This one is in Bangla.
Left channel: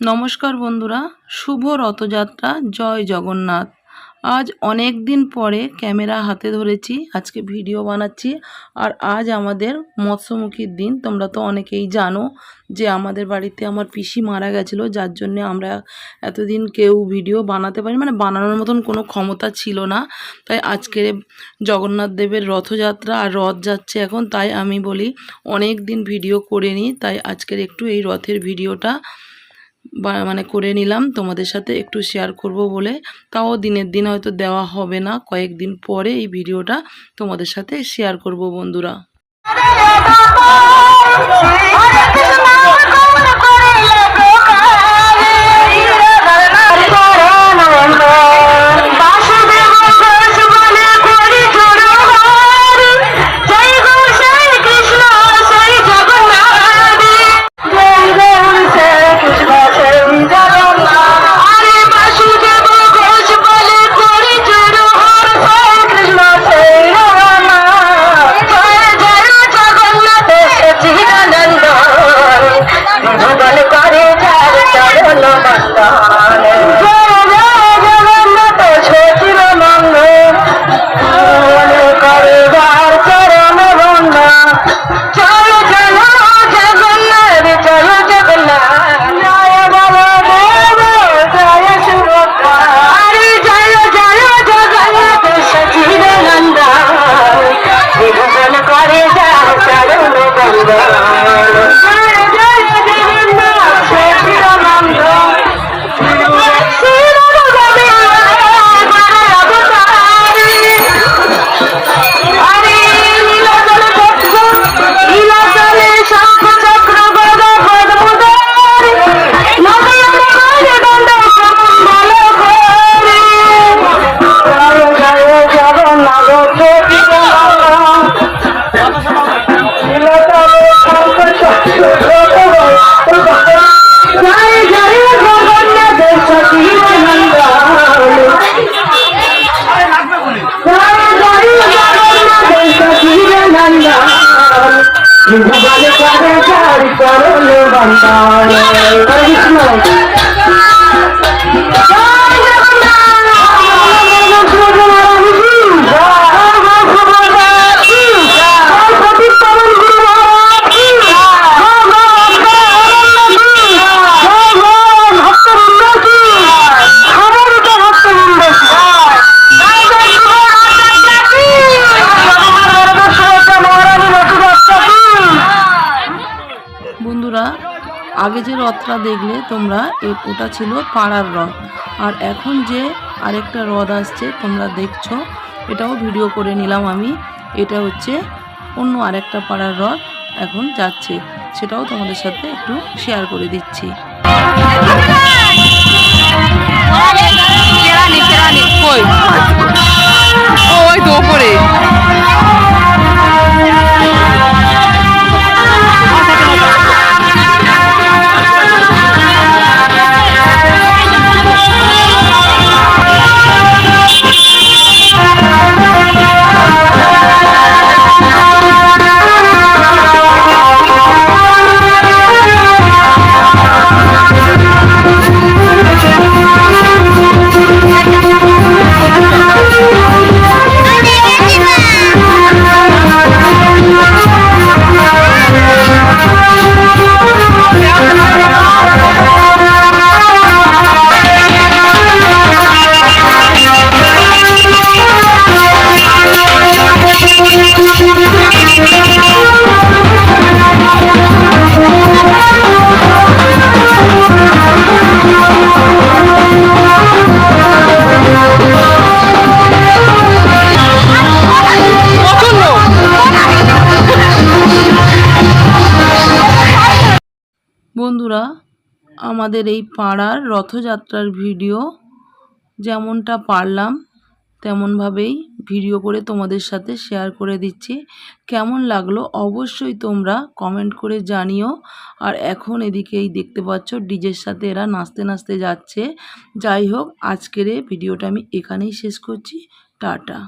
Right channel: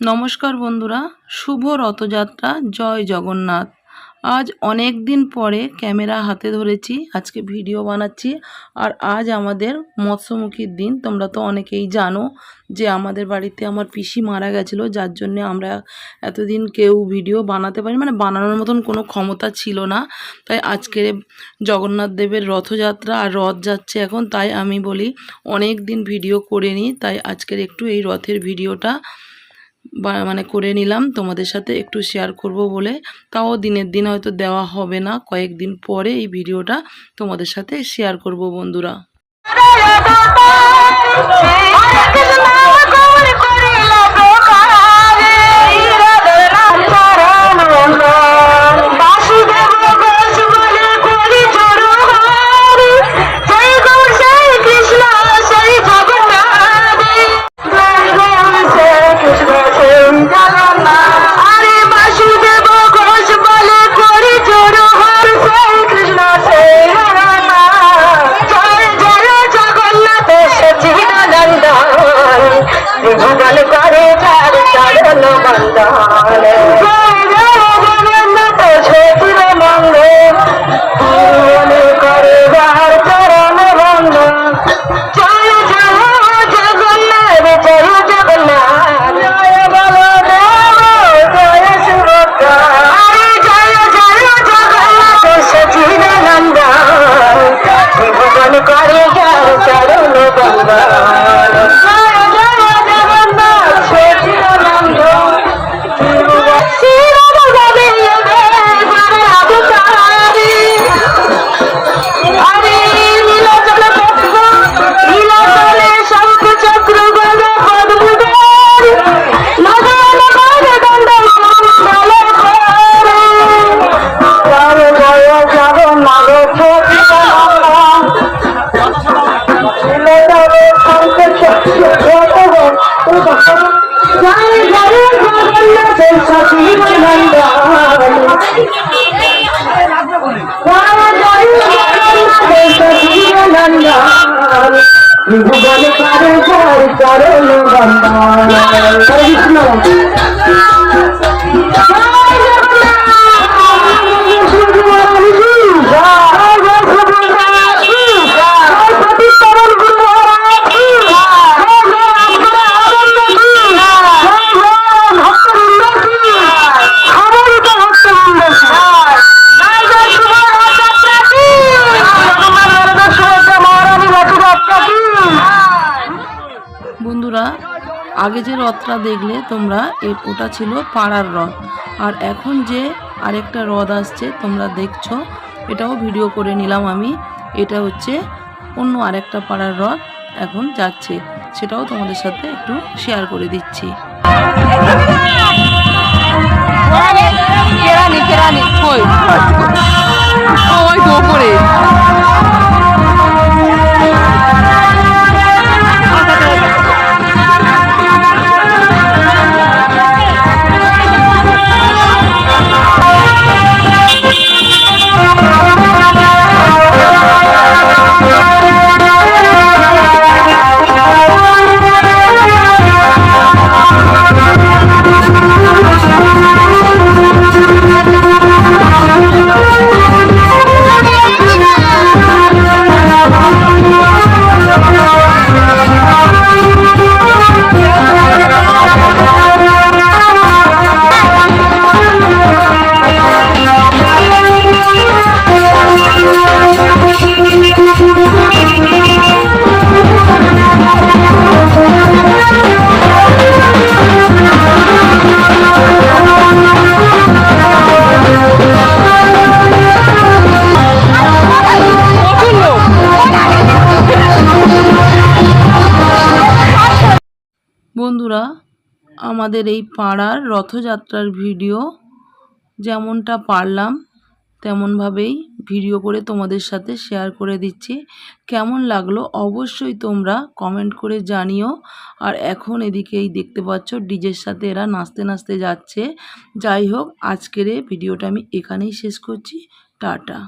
নমস্কার বন্ধুরা, শুভ রথযাত্রা, জয় জগন্নাথ। আজ অনেক দিন পরে ক্যামেরা হাতে ধরেছি, আজকে ভিডিও বানাচ্ছি, আর আজ আমাদের মৎস্যমুখীর দিন। তোমরা তো অনেকেই জানো যে আমাদের বাড়িতে আমার পিসি মারা গেছিল, যার জন্য আমরা এতদিন কেউ ভিডিও বানাতে পারি মানে বানানোর মতন কোনো ক্ষমতা ছিল না। তাই আজকে জগন্নাথ দেবের রথযাত্রা আর রথ যাচ্ছে এখন, তাই আমি বলি অনেক দিন ভিডিও করে নিই তাই আজকের একটু এই রথের ভিডিওটা মানে করে নিলাম তোমাদের সাথে একটু শেয়ার করব বলে তাও দিনের দিন হয়তো দেওয়া হবে না কয়েকদিন পরে এই ভিডিওটা তোমাদের সাথে শেয়ার করব বন্ধুরা Allah. ভুবন করে চার চরণ বন্দান কৃষ্ণ। আগে যে রথটা দেখলে তোমরা এ- ওটা ছিল পাড়ার রথ। আর এখন যে আরেকটা রথ আসছে তোমরা দেখছ এটাও ভিডিও করে নিলাম আমি। এটা হচ্ছে অন্য আরেকটা পাড়ার রথ এখন যাচ্ছে। সেটাও তোমাদের সাথে একটু শেয়ার করে দিচ্ছি। কই? বন্ধুরা, আমাদের এই পাড়ার রথযাত্রার ভিডিও যেমনটা পারলাম, তেমনভাবেই ভিডিও করে তোমাদের সাথে শেয়ার করে দিচ্ছি। কেমন লাগল অবশ্যই তোমরা কমেন্ট করে জানিও। আর এখন এদিকেই দেখতে পাচ্ছ ডিজের সাথে এরা নাচতে নাচতে যাচ্ছে। যাই হোক, আজকের ভিডিওটা আমি এখানেই শেষ করছি। টাটা।